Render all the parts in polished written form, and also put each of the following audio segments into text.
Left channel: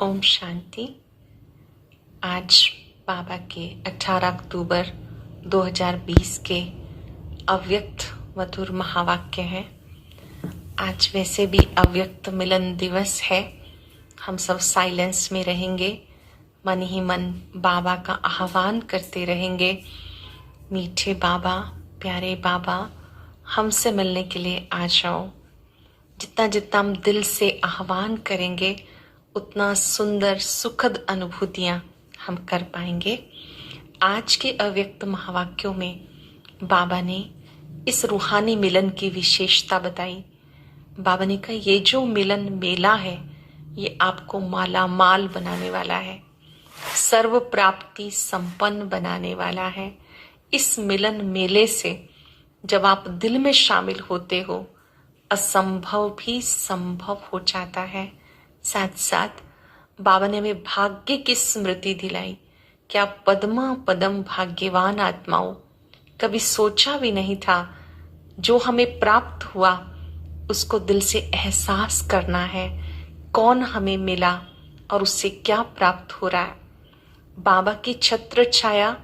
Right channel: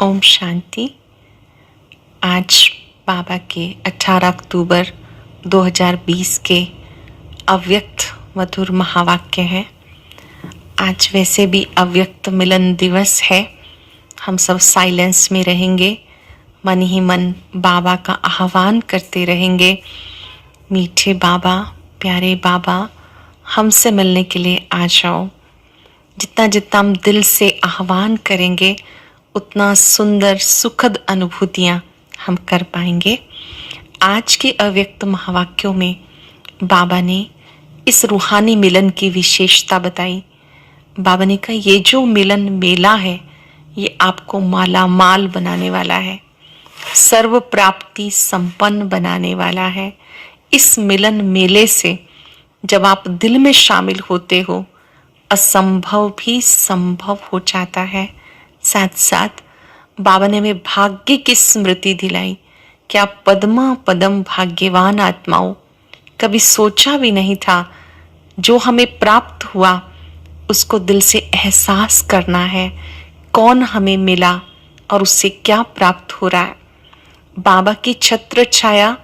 ओम शांति। आज बाबा के 18 अक्टूबर 2020 के अव्यक्त मधुर महावाक्य हैं। आज वैसे भी अव्यक्त मिलन दिवस है। हम सब साइलेंस में रहेंगे, मन ही मन बाबा का आह्वान करते रहेंगे। मीठे बाबा, प्यारे बाबा, हमसे मिलने के लिए आ जाओ। जितना जितना हम दिल से आह्वान करेंगे उतना सुंदर सुखद अनुभूतियाँ हम कर पाएंगे। आज के अव्यक्त महावाक्यों में बाबा ने इस रूहानी मिलन की विशेषता बताई। बाबा ने कहा ये जो मिलन मेला है ये आपको माला माल बनाने वाला है, सर्व प्राप्ति संपन्न बनाने वाला है। इस मिलन मेले से जब आप दिल में शामिल होते हो, असंभव भी संभव हो जाता है। साथ साथ बाबा ने हमें भाग्य की स्मृति दिलाई कि आप पद्मा पदम भाग्यवान आत्माओं, कभी सोचा भी नहीं था जो हमें प्राप्त हुआ उसको दिल से एहसास करना है, कौन हमें मिला और उससे क्या प्राप्त हो रहा है। बाबा की छत्र छाया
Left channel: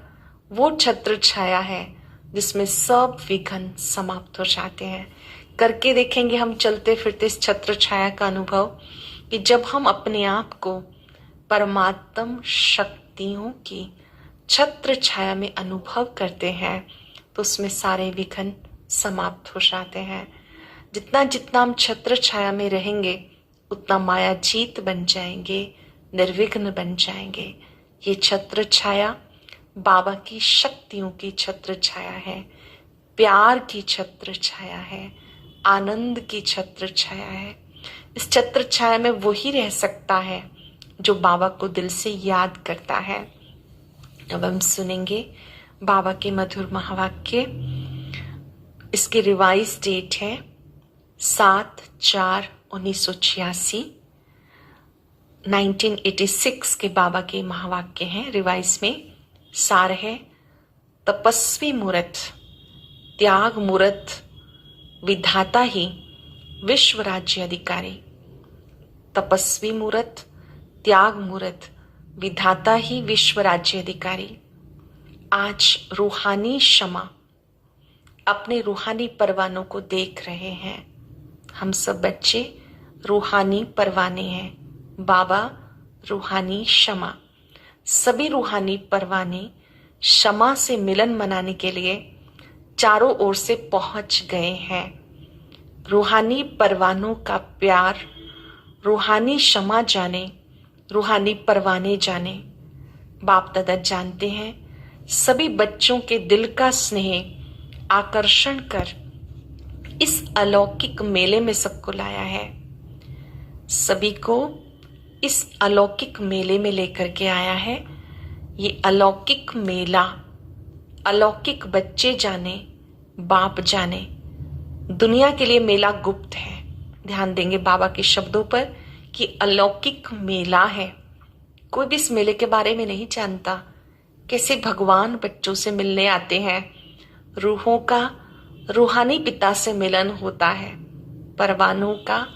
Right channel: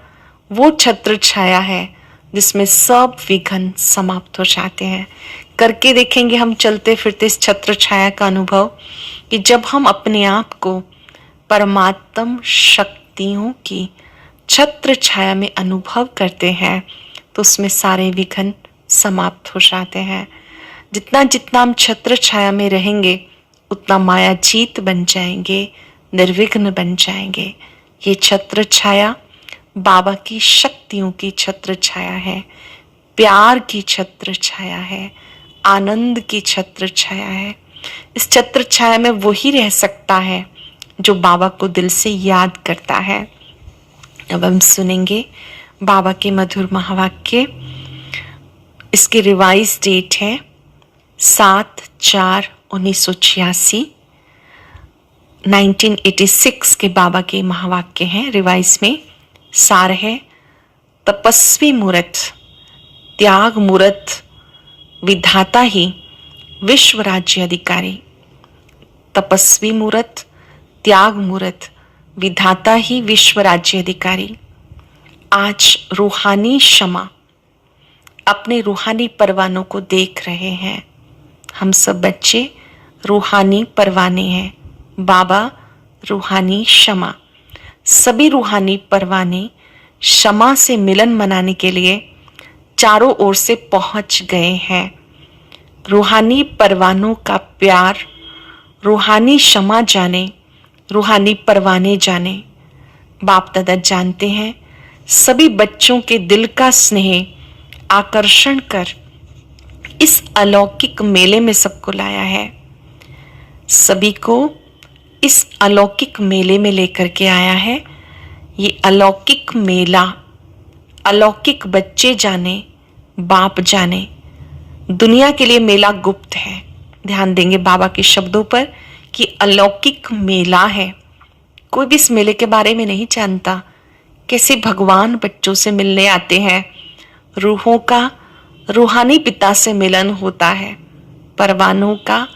वो छत्र छाया है जिसमें सब विघ्न समाप्त हो जाते हैं। करके देखेंगे हम चलते फिरते इस छत्र छाया का अनुभव कि जब हम अपने आप को परमात्म शक्तियों की छत्र छाया में अनुभव करते हैं तो उसमें सारे विघ्न समाप्त हो जाते हैं। जितना जितना हम छत्र छाया में रहेंगे उतना माया जीत बन जाएंगे, निर्विघ्न बन जाएंगे। ये छत्र छाया बाबा की शक्तियों की छत्र छाया है, प्यार की छत्र छाया है, आनंद की छत्र छाया है। इस छत्र छाया में वही रह सकता है जो बाबा को दिल से याद करता है। अब हम सुनेंगे बाबा के मधुर महावाक्य। इसकी रिवाइज डेट है 7/4/1986। 1986 के बाबा के महावाक्य हैं। रिवाइज में सार है, तपस्वी मूर्त, त्याग मूर्त, विधाता ही विश्व राज्य अधिकारी। तपस्वी मूर्त, त्याग मूर्त, विधाता ही विश्व राज्य अधिकारी। आज रूहानी क्षमा अपने रूहानी परवानों को देख रहे हैं। हम सब बच्चे रूहानी परवाने हैं। बाबा रूहानी क्षमा, सभी रूहानी परवाने क्षमा से मिलन मनाने के लिए चारों ओर से पहुंच गए हैं। रूहानी परवानों का प्यार, रूहानी क्षमा जाने, रूहानी परवाने जाने। बाप दादा जानते हैं सभी बच्चों के दिल का स्नेह आकर्षण कर इस अलौकिक मेले में सबको लाया है। सभी को इस अलौकिक मेले में लेकर के आया है। ये अलौकिक मेला, अलौकिक बच्चे जाने, बाप जाने। दुनिया के लिए मेला गुप्त है। ध्यान देंगे बाबा के शब्दों पर कि अलौकिक मेला है। कोई भी इस मेले के बारे में नहीं जानता। कैसे भगवान बच्चों से मिलने आते हैं। रूहों का रूहानी पिता से मिलन होता है, परवानों का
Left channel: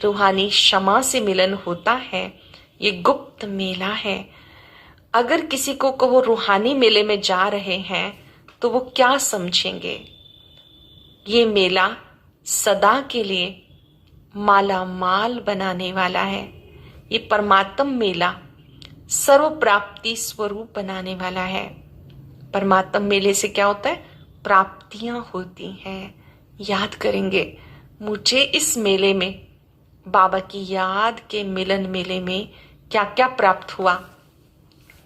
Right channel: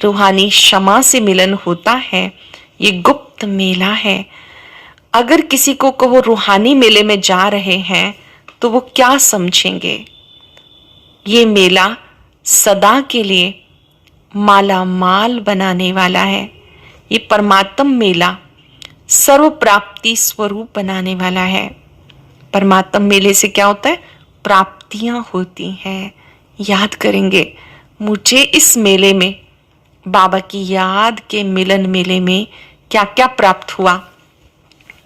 रूहानी क्षमा से मिलन होता है। ये गुप्त मेला है। अगर किसी को वो रूहानी मेले में जा रहे हैं तो वो क्या समझेंगे। ये मेला सदा के लिए माला माल बनाने वाला है। ये परमात्म मेला सर्व प्राप्ति स्वरूप बनाने वाला है। परमात्म मेले से क्या होता है, प्राप्तियां होती हैं। याद करेंगे मुझे इस मेले में, बाबा की याद के मिलन मेले में क्या क्या प्राप्त हुआ।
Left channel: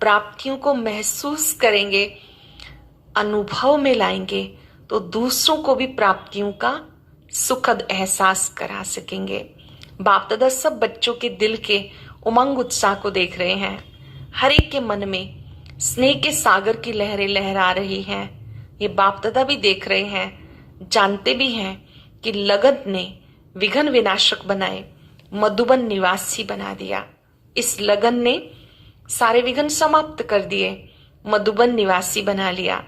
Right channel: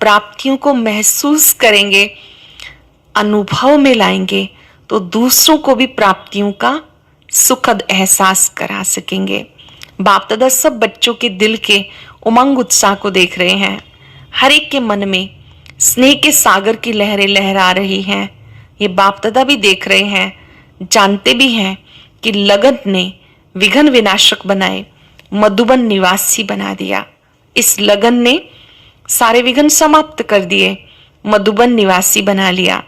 प्राप्तियों को महसूस करेंगे, अनुभव में लाएंगे तो दूसरों को भी प्राप्तियों का सुखद एहसास करा सकेंगे। बाप दादा सब बच्चों के दिल के उमंग उत्साह को देख रहे हैं। हर एक के मन में स्नेह के सागर की लहरें लहरा रही हैं। ये बाप दादा भी देख रहे हैं, जानते भी हैं कि लगन ने विघ्न विनाशक बनाए, मधुबन निवासी बना दिया। इस लगन ने सारे विघ्न समाप्त कर दिए, मधुबन निवासी बना लिया।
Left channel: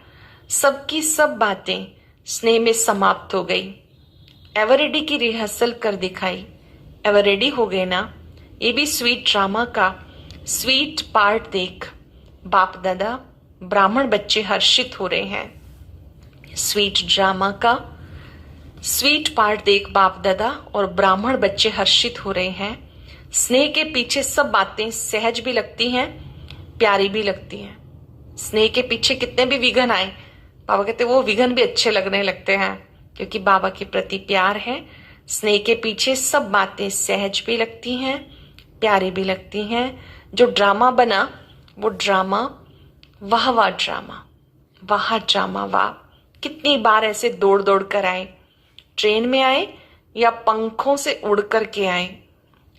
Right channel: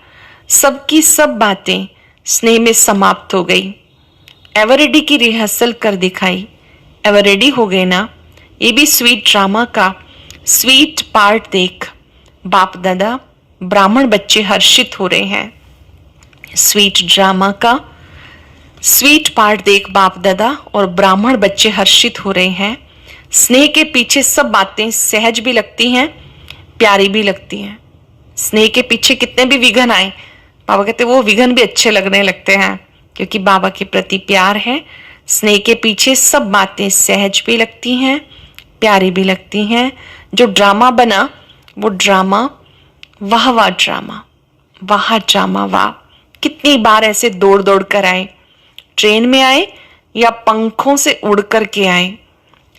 सबकी सब बातें स्नेह में समाप्त हो गई। एवरेडी की रिहर्सल कर दिखाई। एवरेडी हो गए ना ये भी स्वीट ड्रामा का स्वीट पार्ट देख बाप दादा ब्राह्मण बच्चे हर्षित हो रहे हैं। स्वीट ड्रामा का स्वीट पार्ट देख बाप दादा और ब्राह्मण बच्चे हर्षित हो रहे हैं। स्नेह के पीछे सब बातें सहज भी लगती हैं, प्यारी भी लगती हैं। स्नेह के पीछे कितने भी विघ्न आए, बाबा कहते वो विघ्न भी अच्छे लगने लगते हैं, क्योंकि बाबा के प्रति प्यार है। स्नेह के पीछे सब बातें सहज भी लगती हैं, प्यारी भी लगती हैं। जो ड्रामा बना वो ड्रामा वाह ड्रामा, वाह ड्रामा वाह। कितनी बार ऐसे दौड़ दौड़ कर आए, ट्रेन में आए या पंखों से उड़ कर के आए।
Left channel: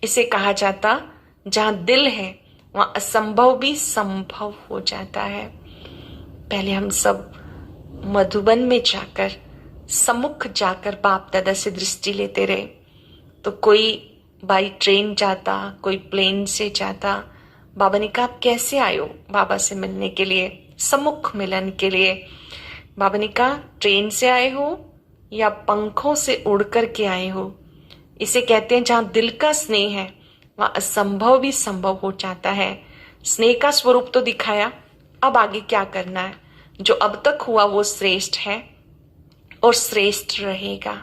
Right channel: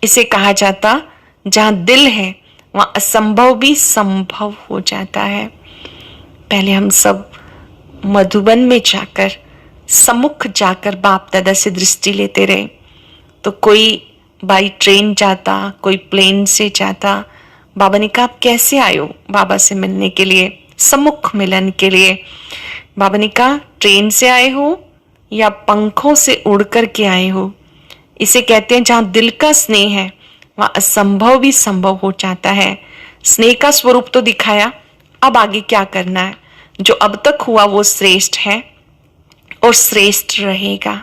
इसे कहा जाता जहां दिल है वहां असंभव भी संभव हो जाता है। पहले हम सब मधुबन में जाकर सम्मुख जाकर बाप दादा से दृष्टि लेते रहे। तो कोई बाई ट्रेन जाता, कोई प्लेन से जाता। बाबा ने कहा आप कैसे आए हो बाबा से मिलने के लिए, सम्मुख मिलन के लिए। बाबा ने कहा ट्रेन से आए हो या पंखों से उड़ कर के आए हो। इसे कहते हैं जहां दिल का स्नेह है वहां असंभव भी संभव हो जाता है। स्नेह का स्वरूप तो दिखाया, अब आगे क्या करना है। जो अब तक हुआ वो श्रेष्ठ है और श्रेष्ठ रहेगा।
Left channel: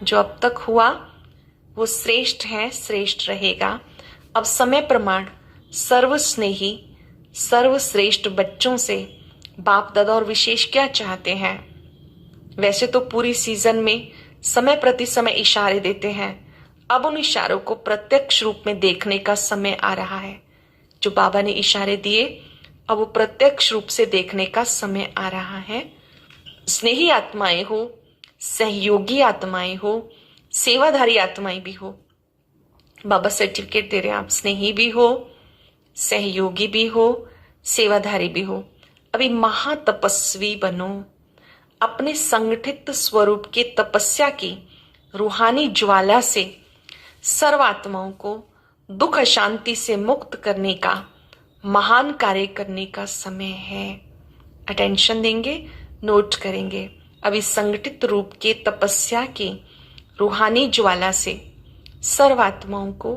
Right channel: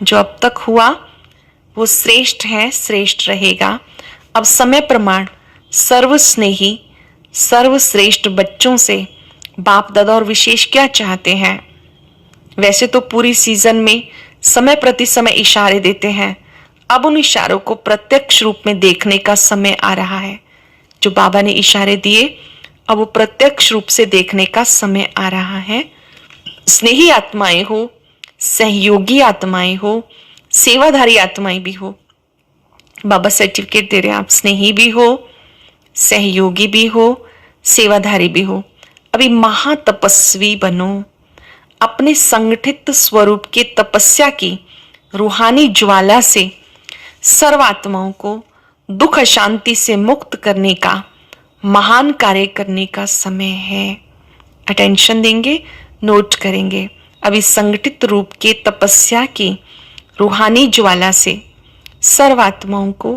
जो अब तक हुआ वो श्रेष्ठ है, श्रेष्ठ रहेगा। अब समय प्रमाण सर्वस्नेही सर्वश्रेष्ठ बच्चों से बाप दादा और विशेष क्या चाहते हैं। वैसे तो पूरी सीजन में समय प्रति समय इशारे देते हैं, अब उन इशारों को प्रत्यक्ष रूप में देखने का समय आ रहा है। जो बाबा ने इशारे दिए अब वो प्रत्यक्ष रूप से देखने का समय आ रहा है। स्नेही आत्माएं हो, सहयोगी आत्माएं हो, सेवाधारी आत्माएं भी हो। बाबा सर्टिफिकेट दे रहे हैं, आप स्नेही भी हो, सहयोगी भी हो, सेवाधारी भी हो। अभी महातपस्वी बनो। अपने संगठित स्वरूप के तपस्या की रूहानी ज्वाला से सर्वात्माओं को दुख अशांति से मुक्त करने का महान कार्य करने का समय है। अटेंशन देंगे, नोट करेंगे। अभी संगठित रूप के तपस्या की रूहानी ज्वाला से सर्वात्माओं को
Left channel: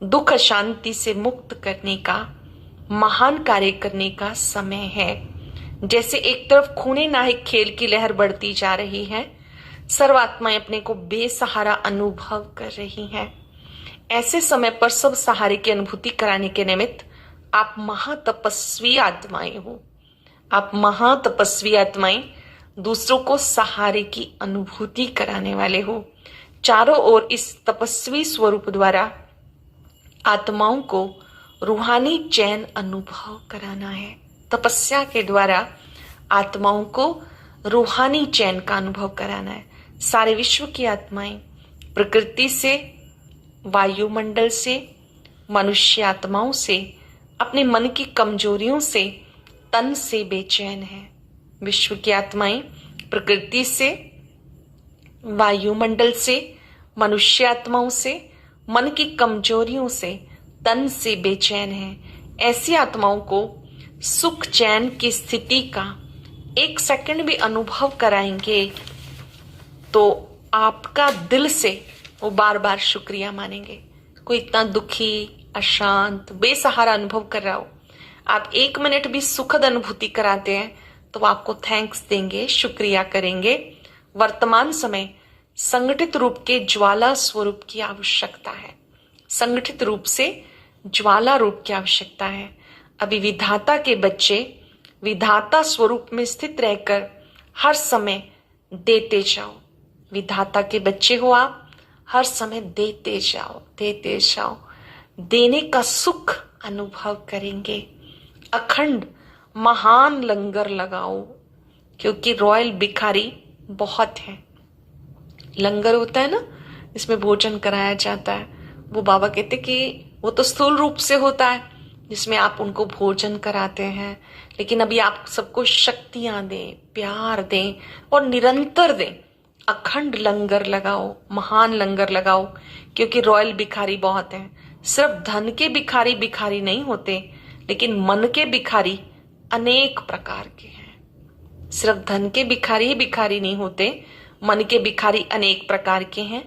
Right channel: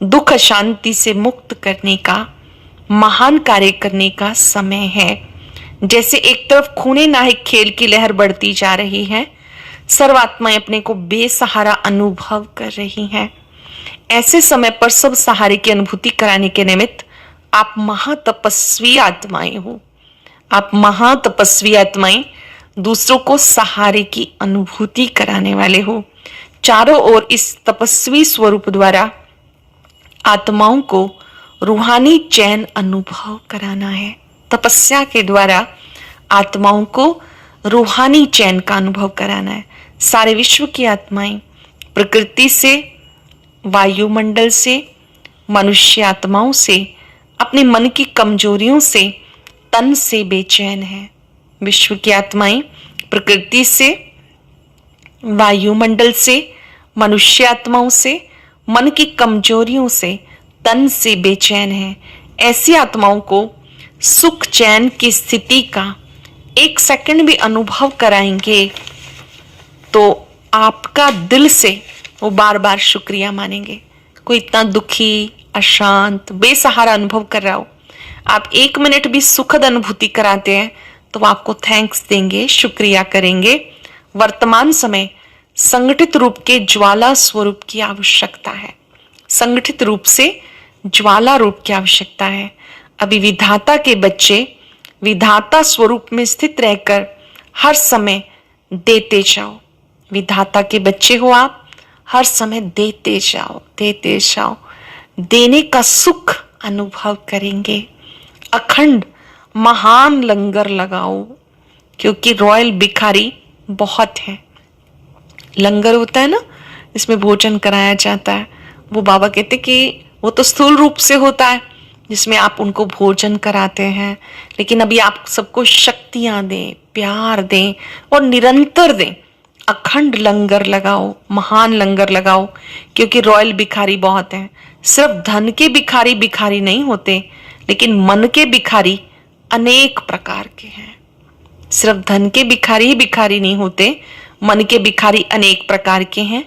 दुख अशांति से मुक्त करने का महान कार्य करने का समय है। जैसे एक तरफ खूने नाहिक खेल की लहर बढ़ती जा रही है, सर्वात्माएं अपने को बेसहारा अनुभव कर रही हैं। ऐसे समय पर सब सहारे की अनुभूति कराने के निमित्त आप महातपस्वी आत्माएं हो। आप महातपस्वी आत्माएं दूसरों को सहारे की अनुभूति कराने वाले हो। चारों ओर इस तपस्वी स्वरूप द्वारा आत्माओं को रूहानी चैन अनुभव कराना है। तपस्या के द्वारा आत्माओं को रूहानी चैन का अनुभव कराना है। सारे विश्व की आत्माएं प्रकृति से, वायुमंडल से, मनुष्य आत्माओं से, अपने मन की कमजोरियों से, तन से बेचैन है। विश्व की आत्माएं प्रकृति से, वायुमंडल से, मनुष्य आत्माओं से, मन की कमजोरियों से, तन से बेचैन है। ऐसी आत्माओं को सुख चैन की स्थिति का 1 सेकंड भी अनुभव कराएंगे तो आपका दिल से वो बार बार शुक्रिया मानेंगे। कोई इतना दुखी, अशांत, बेसहारा अनुभव कर रहा हो, आप 1 मिनट भी सुखद अनुभूति कराते हैं तो वो आपको थैंक्स देंगे, शुक्रिया करेंगे। वर्तमान समय संगठित रूप के ज्वाला स्वरूप की आवश्यकता है। संगठित रूप से ज्वाला रूप की आवश्यकता है। अभी विधाता के बच्चे विधाता स्वरूप में स्थित रहकर हर समय देते जाओ। विधाता के बच्चे हो आप, हर समय देते जाओ, देते जाओ। देने का सुख अनुभव करेंगे। अखंड महान लंगर लगाओ, क्योंकि रॉयल भिखारी बहुत है। लंगर होता है ना, इसमें भोजन कराया जाता है। वो बाबा कहते कि वो तो स्थूल रूप से होता है जिसमें आप उनको भोजन कराते हैं, लेकिन अभी आप सबको शक्तियां दें, प्यार दें और निरंतर दें। अखंड लंगर लगाओ, महान लंगर लगाओ, क्योंकि रॉयल भिखारी बहुत हैं। सिर्फ धन के भिखारी भिखारी नहीं होते, लेकिन मन के भिखारी अनेक प्रकार के हैं। सिर्फ धन के भिखारी ही भिखारी नहीं होते, मन के भिखारी अनेक प्रकार के हैं।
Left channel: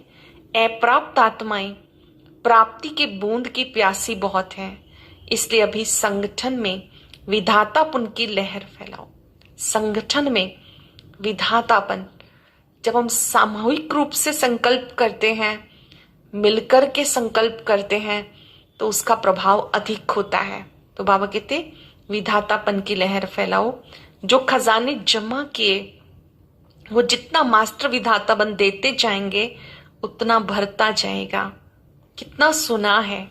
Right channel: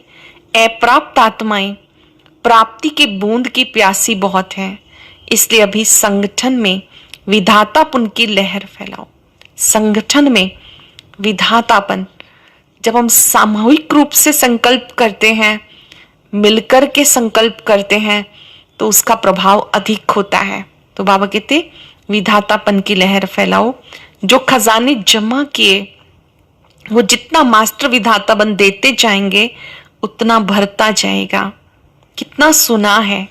अप्राप्त आत्माएं प्राप्ति के बूंद की प्यासी बहुत है, इसलिए अभी संगठन में विधातापन की लहर फैलाओ। संगठन में विधातापन, जब हम सामूहिक रूप से संकल्प करते हैं, मिलकर के संकल्प करते हैं, तो उसका प्रभाव अधिक होता है। तो बाबा कहते विधातापन की लहर फैलाओ। जो खजाने जमा किए वो जितना मास्टर विधाता बन देते जाएंगे उतना भरता जाएगा। कितना सुना है,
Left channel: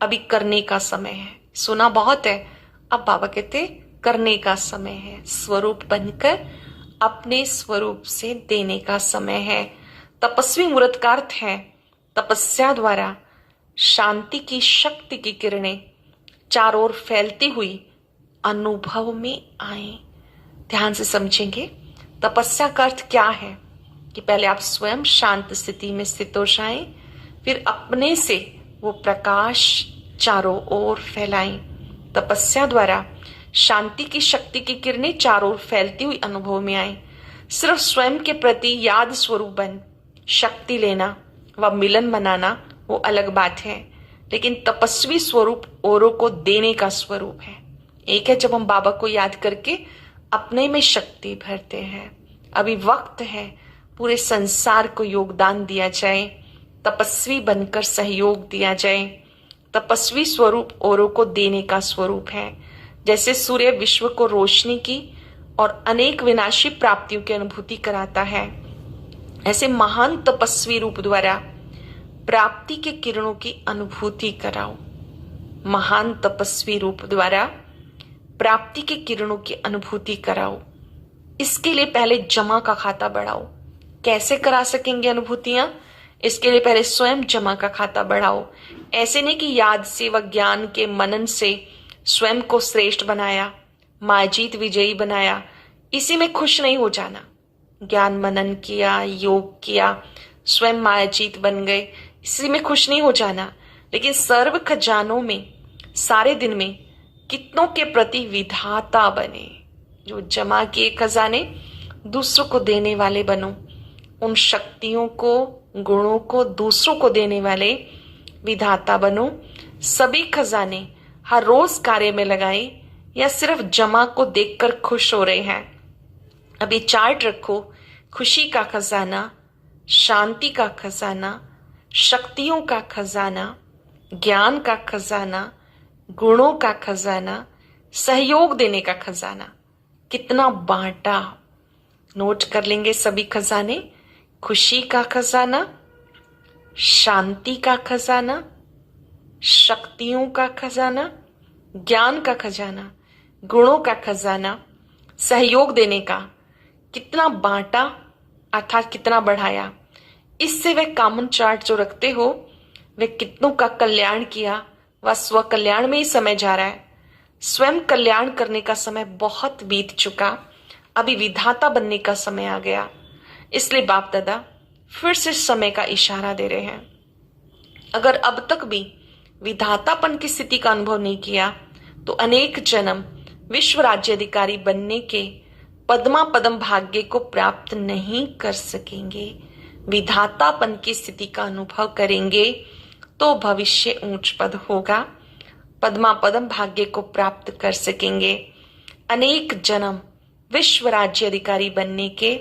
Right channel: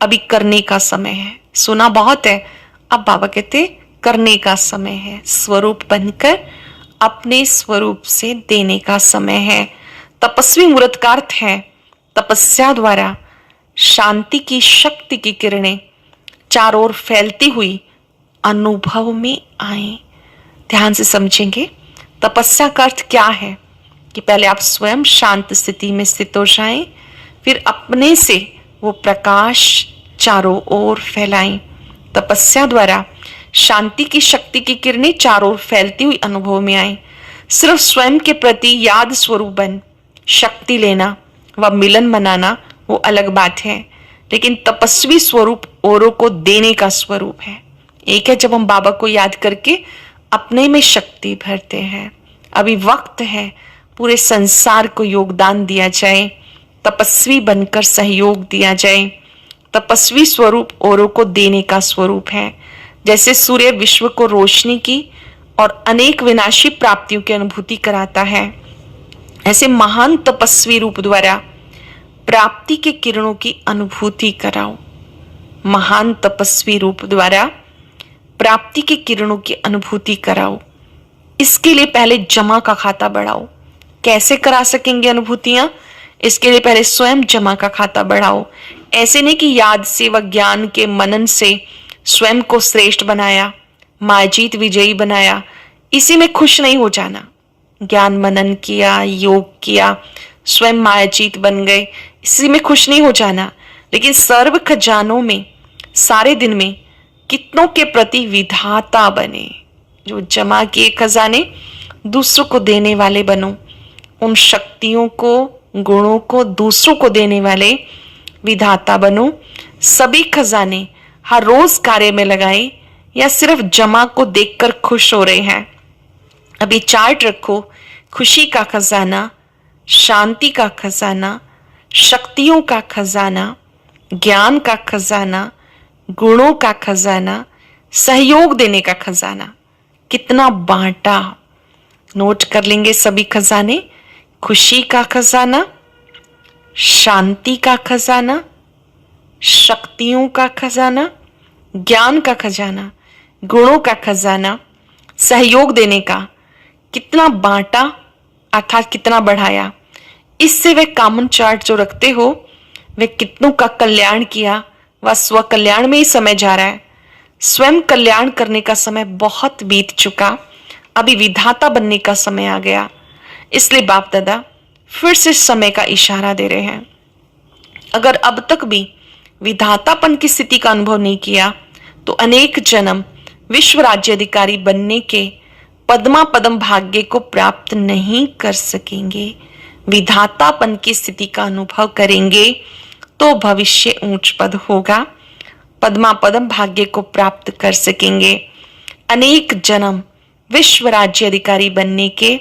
अभी करने का समय है। सुना बहुत है, अब बाबा कहते करने का समय है। स्वरूप बनकर अपने स्वरूप से देने का समय है। तपस्वी मुहूर्त का अर्थ है तपस्या द्वारा शांति की शक्ति की किरणें चारों ओर फैलती हुई अनुभव में आए। ध्यान से समझेंगे तपस्या का अर्थ क्या है कि पहले आप स्वयं शांत स्थिति में स्थित हो जाएं, फिर अपने से वो प्रकाश चारों ओर फैलाएं। तपस्या द्वारा शांति की शक्ति की किरणें चारों ओर फैलती हुई अनुभव में आए। सिर्फ स्वयं के प्रति याद स्वरूप बन शक्ति लेना व मिलन मनाना वो अलग बात है, लेकिन तपस्वी स्वरूप औरों को देने का स्वरूप है। एक है जब हम बाबा को याद करके अपने में शक्ति भरते हैं। अभी वक्त है पूरे संसार को योगदान दिया जाए, तपस्वी बनकर सहयोग दिया जाए। तपस्वी स्वरूप औरों को देने का स्वरूप है। जैसे सूर्य विश्व को रोशनी की और अनेक विनाशी प्राप्तियों की अनुभूति कराता है, ऐसे महान तपस्वी रूप द्वारा प्राप्ति के किरणों की अनुभूति कराओ। महान तपस्वी रूप द्वारा प्राप्ति के किरणों की अनुभूति कराओ। इसके लिए पहले जमा का खाता बढ़ाओ। कैसे करा सकेंगे अनुभूतियां? इसके लिए पहले स्वयं जमा का खाता बढ़ाओ। ऐसे नहीं कि याद से व ज्ञान के मनन से स्वयं को श्रेष्ठ बनाया, माजीत विजयी बनाया, इसी में खुश नहीं हो जाना। ज्ञान मनन किया, योग किया, स्वयं मायाजीत बन गए, इसी में खुश नहीं हो जाना, लेकिन सर्व खजानों में सारे दिन में कितनों के प्रति विधाता बने। जो जमा किए खजाने दूसरों को देने वाले बनो। उन शक्तियों को, गुणों को दूसरों को देने वाले विधाता बनो। सभी खजाने हर रोज कार्य में लगाए या सिर्फ जमा को देखकर खुश हो रहे हैं? अभी चार्ट रखो। खुशी का खजाना, शांति का खजाना, शक्तियों का खजाना, ज्ञान का खजाना, गुणों का खजाना, सहयोग देने का खजाना। कितना बांटा, नोट कर लेंगे सभी खजाने। खुशी का खजाना, शांति का खजाना, शक्तियों का खजाना, ज्ञान का खजाना, गुणों का खजाना, सहयोग देने का। कितना बांटा अर्थात कितना बढ़ाया। इससे वे कॉमन चार्ट जो रखते हो वे कितनों का कल्याण किया, वह स्व कल्याण में ही समय जा रहा है। स्वयं कल्याण करने का समय बहुत बीत चुका, अभी विधाता बनने का समय आ गया। इसलिए बाप दादा फिर से समय का इशारा दे रहे हैं। अगर अब तक भी विधातापन की स्थिति का अनुभव नहीं किया तो अनेक जन्म विश्व राज्य अधिकारी बनने के पद्मा पदम भाग्य को प्राप्त नहीं कर सकेंगे। विधातापन की स्थिति का अनुभव करेंगे तो भविष्य ऊंच पद होगा, पद्मा पदम भाग्य को प्राप्त कर सकेंगे। अनेक जन्म विश्व राज्य अधिकारी बनने के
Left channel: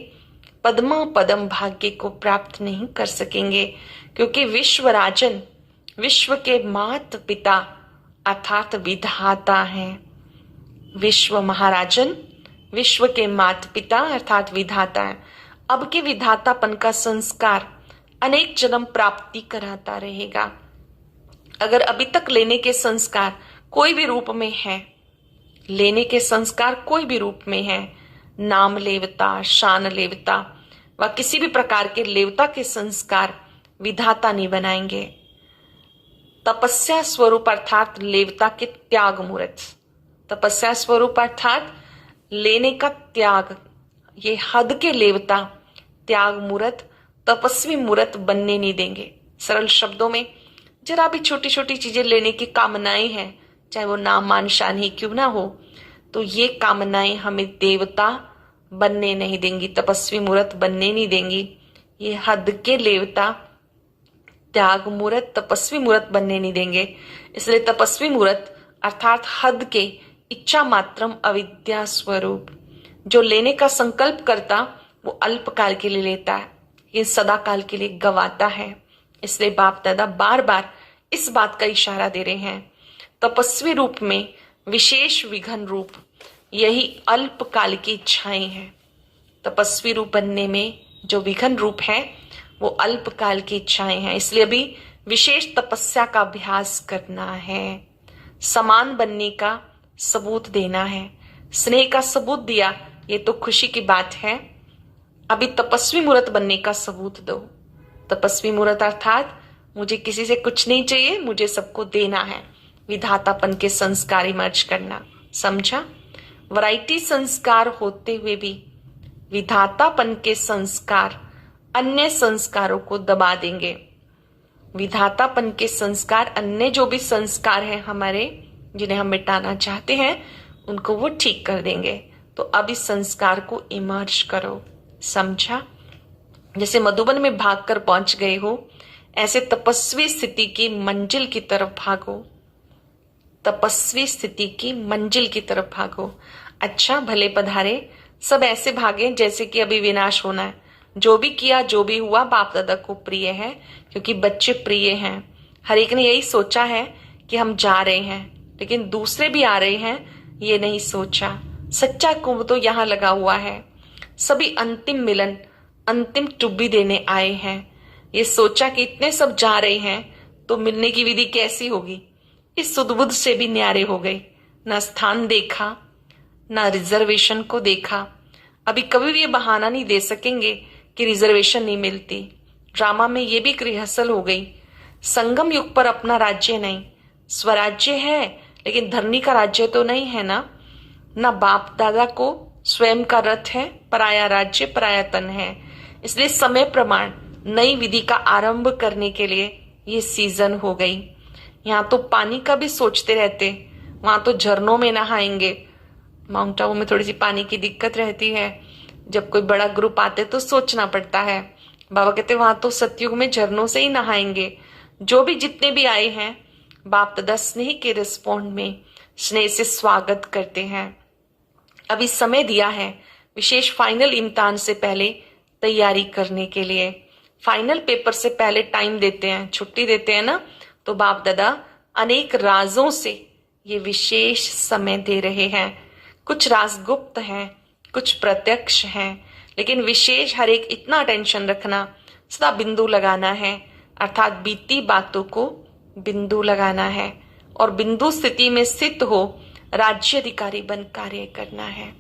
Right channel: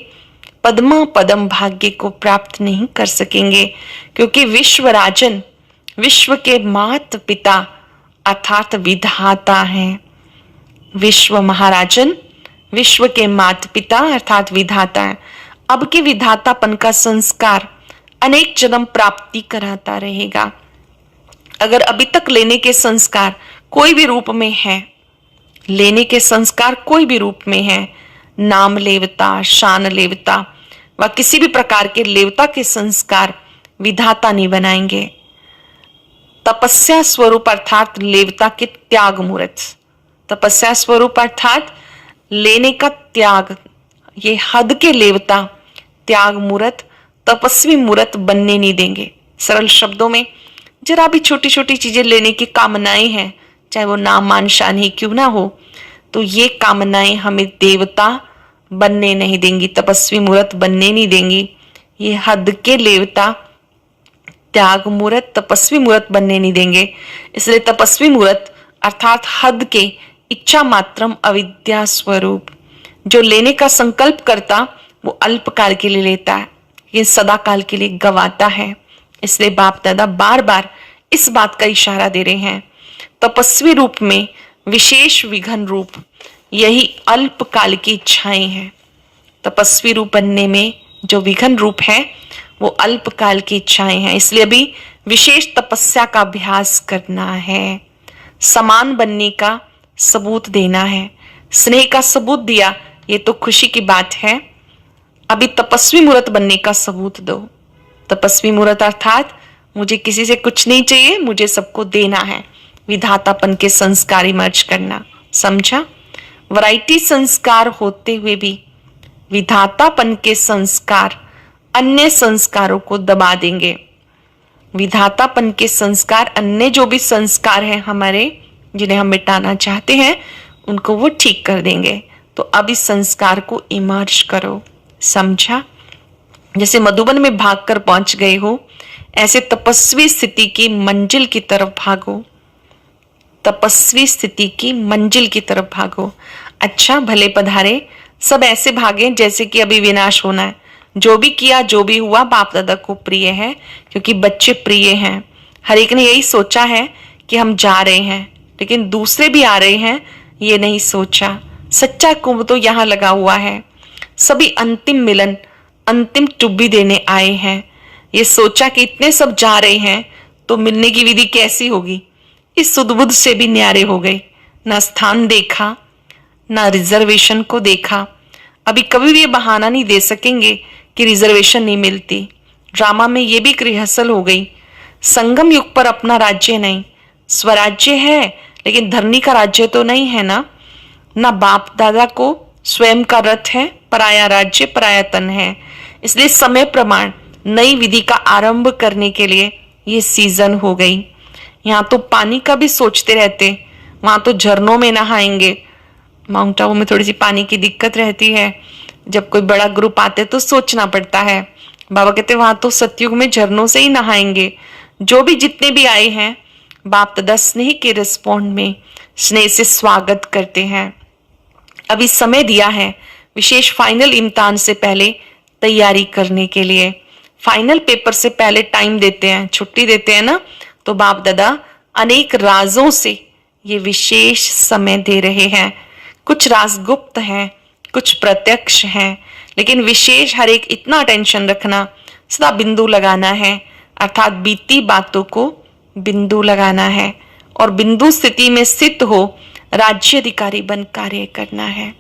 पद्मा पदम भाग्य को प्राप्त नहीं कर सकेंगे, क्योंकि विश्व राजन विश्व के माता पिता अर्थात विधाता हैं। विश्व महाराजन विश्व के माता पिता अर्थात विधाता है। अब के विधातापन का संस्कार अनेक जन्म प्राप्ति कराता रहेगा। अगर अभी तक लेने के संस्कार कोई भी रूप में है, लेने के संस्कार कोई भी रूप में है, नाम लेवता, शान लेवता व किसी भी प्रकार के लेवता के संस्कार विधाता नहीं बनाएंगे। तपस्या स्वरूप अर्थात लेवता के त्याग मुहूर्त, तपस्या स्वरूप अर्थात लेने का त्याग, ये हद के लेवता त्याग मुहूर्त तपस्वी मुहूर्त बनने नहीं देंगे। सरल शब्दों में जरा भी छोटी छोटी चीजें लेने की कामनाएं हैं, चाहे वो नाम मान शान ही क्यों ना हो, तो ये कामनाएं हमें देवता बनने नहीं देंगी, तपस्वी मुहूर्त बनने नहीं देंगी। ये हद के लेवता त्याग मूर्त, तपस्वी मूर्त बनने नहीं देंगे। इसलिए तपस्वी मूर्त अर्थात हद के इच्छा मात्रम अविद्या स्वरूप, जो लेने का संकल्प करता वो अल्पकाल के लिए लेता है, ये सदा काल के लिए गवाता है। इसलिए बाप दादा बार बार इस बात का इशारा दे रहे हैं, तपस्वी रूप में विशेष विघन रूप यही अल्पकाल की इच्छाएं हैं। तपस्वी रूप बनने में जो विघन रूप है वो अल्पकाल की इच्छाएं हैं। इसलिए अभी विशेष तपस्या का अभ्यास करना है, समान बनने का सबूत देना है। स्नेह का सबूत दिया, ये तो खुशी की बात है। अभी तपस्वी मूर्त बनने का सबूत दो। तपस्वी मूर्त अर्थात मुझे किसी से कुछ नहीं चाहिए, मुझे सबको देना है। विधातापन के संस्कार इमर्ज करना, समझा? वैरायटी संस्कार होते हुए भी विधातापन के संस्कार अन्य संस्कारों को दबा देंगे। विधातापन के संस्कार अन्य जो भी संस्कार हैं हमारे, जिन्हें हम मिटाना चाहते हैं, उनको वो ठीक कर देंगे। तो अब इस संस्कार को इमर्ज करो, समझा? जैसे मधुबन में भागकर पहुंच गए हो, ऐसे तपस्वी स्थिति की मंजिल की तरफ भागो। तपस्वी स्थिति की मंजिल की तरफ भागो। अच्छा भले पधारे, सब ऐसे भागे जैसे कि अभी विनाश होना है। जो भी किया, जो भी हुआ, बाप दादा को प्रिय है, क्योंकि बच्चे प्रिय हैं। हर एक ने यही सोचा है कि हम जा रहे हैं, लेकिन दूसरे भी आ रहे हैं, ये नहीं सोचा। सच्चा कुंभ तो यहाँ लगा हुआ है। सभी अंतिम मिलन, अंतिम टुब्बी देने आए हैं। ये सोचा कि इतने सब जा रहे हैं तो मिलने की विधि कैसी होगी। इस सुदबुद से भी न्यारे हो गए। ना स्थान देखा, ना रिजर्वेशन को देखा। अभी कभी भी ये बहाना नहीं दे सकेंगे कि रिजर्वेशन नहीं मिलती। ड्रामा में ये भी एक रिहर्सल हो गई। संगम युग पर अपना राज्य नहीं, स्वराज्य है, लेकिन धरनी का राज्य तो नहीं है ना। ना बाप दादा को स्वयं का रथ है, पराया राज्य पराया तन है। इसलिए समय प्रमाण नई विधि का आरंभ करने के लिए ये सीजन हो गई। यहाँ तो पानी का भी सोचते रहते, वहां तो झरनों में नहाएंगे। माउंट आबू में थोड़ी सी पानी की दिक्कत रहती है, जब कोई बड़ा ग्रुप आते तो सोचना पड़ता है। बाबा कहते वहां तो सतयुग में झरनों से ही नहाएंगे। जो भी जितने भी आए हैं, बाप दादा स्नेह के रिस्पॉन्ड में स्नेह से स्वागत करते हैं। अभी समय दिया है विशेष फाइनल इम्तिहान से पहले तैयारी करने के लिए। फाइनल पेपर से पहले टाइम देते हैं, छुट्टी देते हैं ना, तो बाप दादा अनेक राजों से ये विशेष समय दे रहे हैं। कुछ राज गुप्त हैं, कुछ प्रत्यक्ष हैं, लेकिन विशेष हर एक इतना अटेंशन रखना, सदा बिंदु लगाना है, अर्थात बीती बातों को बिंदु लगाना है और बिंदु स्थिति में स्थित हो राज्य अधिकारी बन कार्य करना है।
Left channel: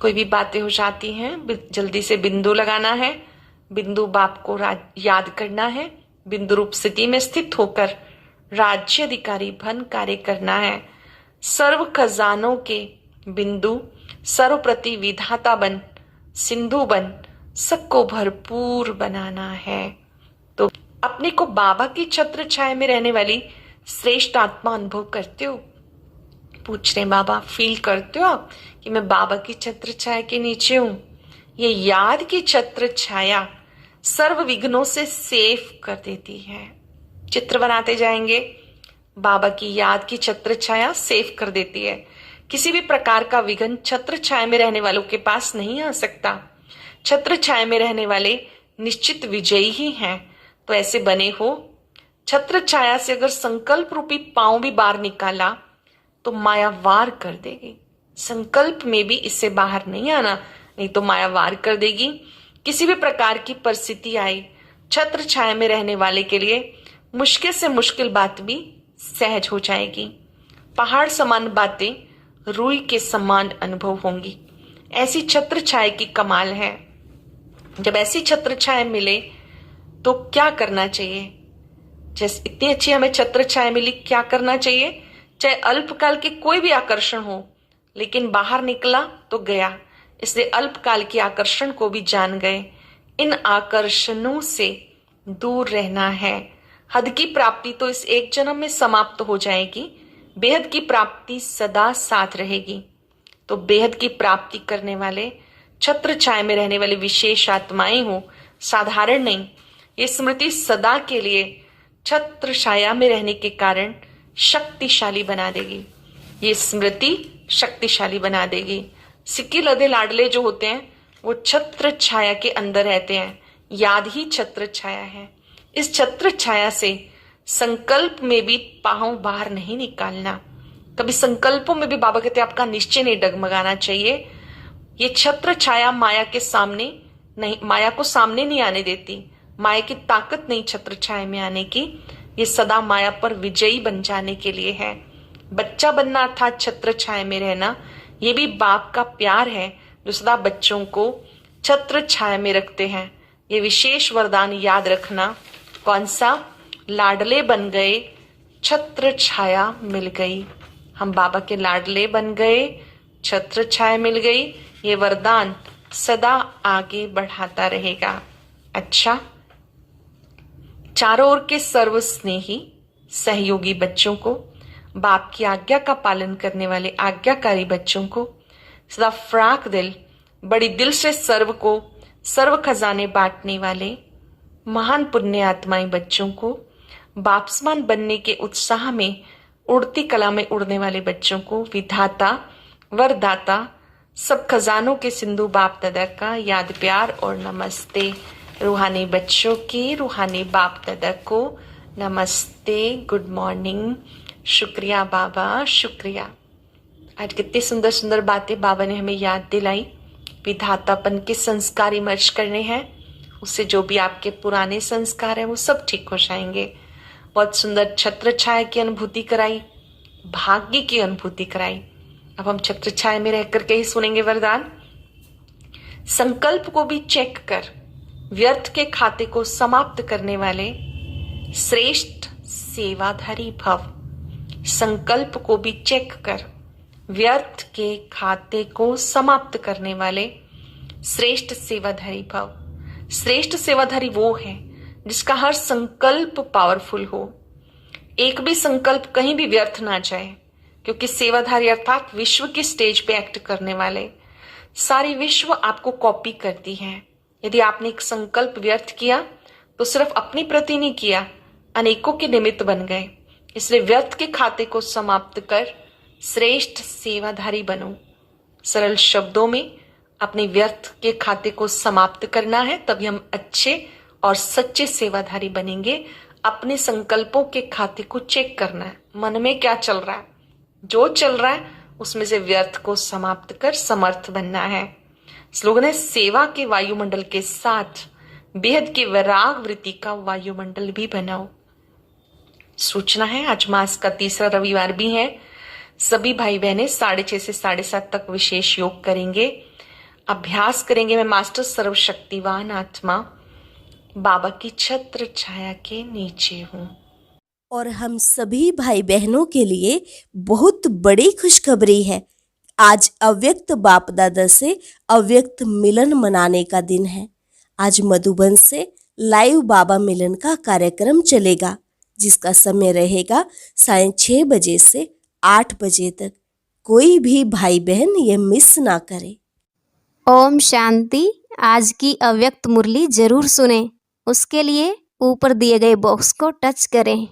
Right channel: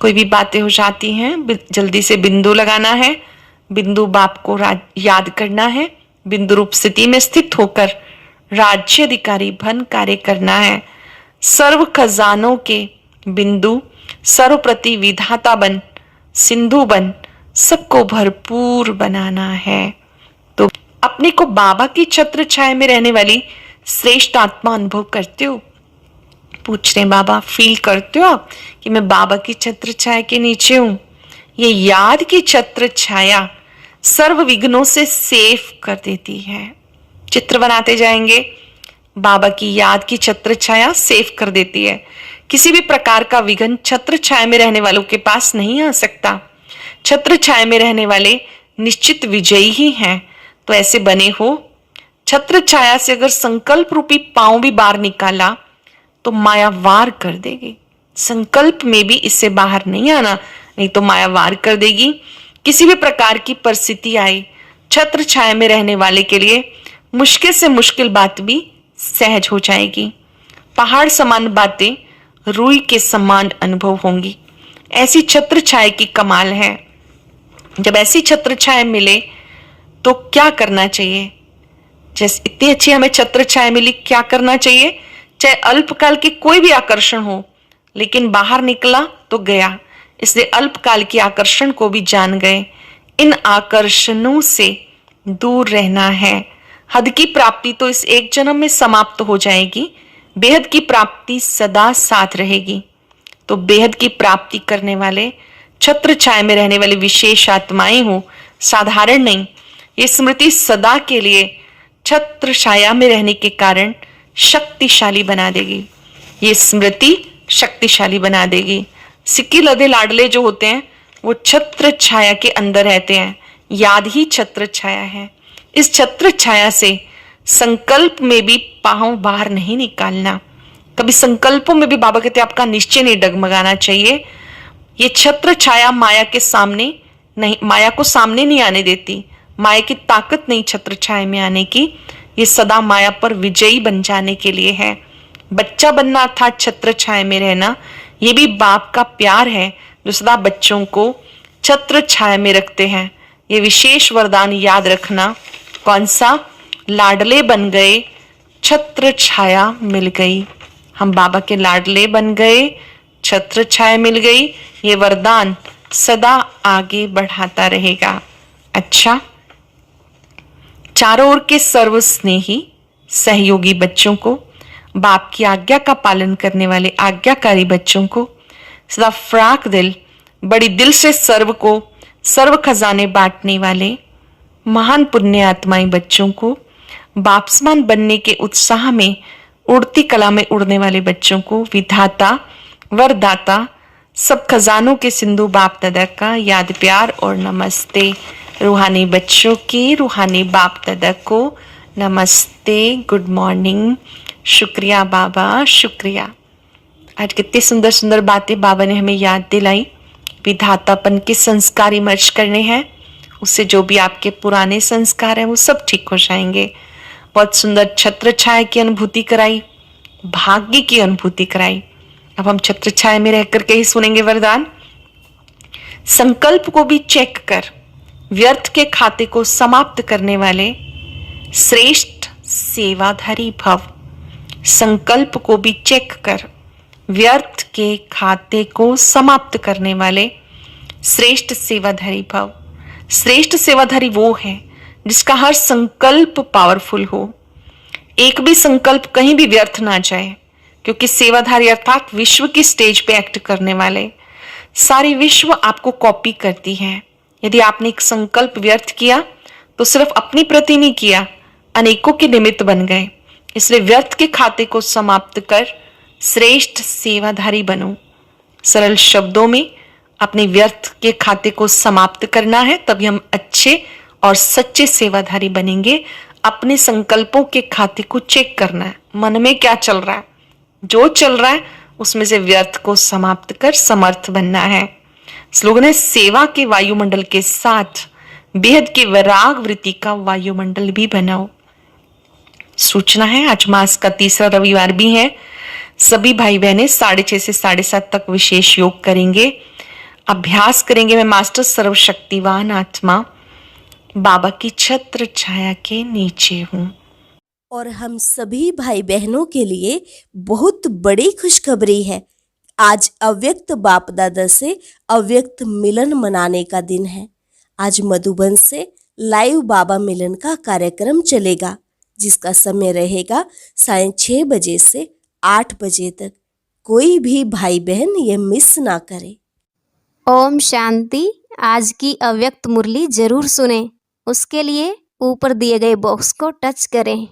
कोई भी बातें हो जाती हैं, जल्दी से बिंदु लगाना है, बिंदु बाप को याद करना है, बिंदु रूप स्थिति में स्थित होकर राज्य अधिकारी बन कार्य करना है। सर्व खजानों के बिंदु, सर्वप्रति विधाता बन, सिंधु बन, सबको भरपूर बनाना है। तो अपने को बाबा की छत्र छाया में रहने वाली श्रेष्ठ आत्मा अनुभव करते हो? पूछ रहे बाबा, फील करते हो आप कि मैं बाबा की छत्र छाया के नीचे हूं? ये याद की छत्र छाया सर्व विघ्नों से सेफ कर देती है। चित्र बनाते जाएंगे, बाबा की याद की छत्र छाया सेफ कर देती है। किसी भी प्रकार का विघ्न छत्र छाया में रहने वालों के पास नहीं आ सकता। छत्र छाया में रहने वाले निश्चित विजयी ही हैं। तो ऐसे बने हो। छत्र छाया से अगर संकल्प रूपी पांव भी बाहर निकाला तो माया वार कर देगी। संकल्प में भी इससे बाहर नहीं आना, नहीं तो माया वार कर देगी। किसी भी प्रकार की परिस्थिति आई, छत्र छाया में रहने वाले के लिए मुश्किल से मुश्किल बात भी सहज हो जाएगी। पहाड़ समान बातें रूई के समान अनुभव होंगी। ऐसी छत्र छाया की कमाल है। जब ऐसी छत्र छाया मिले तो क्या करना चाहिए? जैसे इतनी अच्छी हमें छत्र छाया मिली, क्या करना चाहिए? चाहे अल्पकाल के कोई भी आकर्षण हो, लेकिन बाहर निकला तो गया। इसलिए अल्पकाल के आकर्षण को भी जान गए। इन आकर्षणों से दूर रहना है। हद की प्राप्ति तो इस एक जन्म में समाप्त हो जाएगी, बेहद की प्राप्ति सदा साथ रहेगी। तो बेहद की प्राप्ति करने वाले, छत्र छाया में रहने वाले विशेष आत्माएं हो, साधारण नहीं। ये स्मृति सदा के लिए छत्र छाया में रहने के कारण शक्तिशाली बना देगी। ये स्मृति शक्तिशाली बना देगी। सिक्के लदे लाडले जो होते हैं वो छत्र छाया के अंदर रहते हैं। याद ही छत्र छाया है। इस छत्र छाया से संकल्प में भी पांव बाहर नहीं निकालना। कभी संकल्पों में भी बाबा कहते हैं आपका निश्चय नहीं डगमगाना चाहिए। ये छत्र छाया माया के सामने नहीं, माया को सामने नहीं आने देती। माया की ताकत नहीं छत्र छाया में आने की। ये सदा माया पर विजयी बन जाने के लिए है। बच्चा बनना अर्थात छत्र छाया में रहना, ये भी बाप का प्यार है जो सदा बच्चों को छत्र छाया में रखते हैं। ये विशेष वरदान याद रखना। कौन सा? लाडले बन गए, छत्र छाया मिल गई। हम बाबा के लाडले बन गए, छत्र छाया मिल गई। ये वरदान सदा आगे बढ़ाता रहेगा। अच्छा, चारों ओर के सर्व स्नेही सहयोगी बच्चों को, बाप की आज्ञा का पालन करने वाले आज्ञाकारी बच्चों को, सदा फ्राक दिल बड़ी दिल से सर्व को सर्व खजाने बांटने वाले महान पुण्य आत्माएं बच्चों को, बापसमान बनने के उत्साह में उड़ती कला में उड़ने वाले बच्चों को, विधाता वरदाता सब खजानों के सिंधु बाप दादा का याद प्यार और नमस्ते। रूहानी बच्चों की रूहानी बाप दादा को नमस्ते, गुड मॉर्निंग। शुक्रिया बाबा, शुक्रिया। आज कितनी सुंदर सुंदर बातें बाबा ने हमें याद दिलाई। विधातापन के संस्कार इमर्ज करने हैं, उससे जो भी आपके पुराने संस्कार हैं वो सब ठीक हो जाएंगे। बहुत सुंदर छत्र छाया की अनुभूति कराई, भाग्य की अनुभूति कराई। अब हम छत्र छाया में रह करके ही सुनेंगे वरदान। संकल्प को भी चेक कर व्यर्थ के खाते को समाप्त करने वाले श्रेष्ठ सेवाधारी भव। संकल्प को भी चेक कर व्यर्थ के खाते को समाप्त करने वाले श्रेष्ठ सेवाधारी भव। श्रेष्ठ सेवाधारी वो है जिसका हर संकल्प पावरफुल हो, एक भी संकल्प कहीं भी व्यर्थ ना जाए, क्योंकि सेवाधारी अर्थात विश्व की स्टेज पे एक्ट करने वाले। सारी विश्व आपको कॉपी करती है। यदि आपने एक संकल्प व्यर्थ किया तो सिर्फ अपनी प्रति नहीं किया, अनेकों के निमित्त बन गए। इसलिए व्यर्थ के खाते को समाप्त कर श्रेष्ठ सेवाधारी बनो। सरल शब्दों में अपने व्यर्थ के खाते को समाप्त करना है, तभी हम अच्छे और सच्चे सेवाधारी बनेंगे। अपने संकल्पों के खाते को चेक करना है, मन में क्या चल रहा है, जो चल रहा है उसमें से व्यर्थ को समाप्त कर समर्थ बनना है। स्लोगन है सेवा के वायुमंडल के साथ बेहद के वैराग वृत्ति का वायुमंडल भी बनाओ। सूचना है आज मास का तीसरा रविवार भी है। सभी भाई बहनें 6:30 से 7:30 तक विशेष योग करेंगे, अभ्यास करेंगे। मैं मास्टर सर्वशक्तिवान आत्मा बाबा की छत्र छाया के नीचे हूँ। और हम सभी भाई बहनों के लिए बहुत बड़ी खुशखबरी है। आज अव्यक्त बाप दादा से अव्यक्त मिलन मनाने का दिन है। आज मधुबन से लाइव बाबा मिलन का कार्यक्रम चलेगा, जिसका समय रहेगा 6:30 बजे से 8 बजे तक। कोई भी भाई बहन ये मिस ना करे। ओम शांति। आज की अव्यक्त मुरली जरूर सुने। उसके लिए ऊपर दिए गए बॉक्स को टच करें।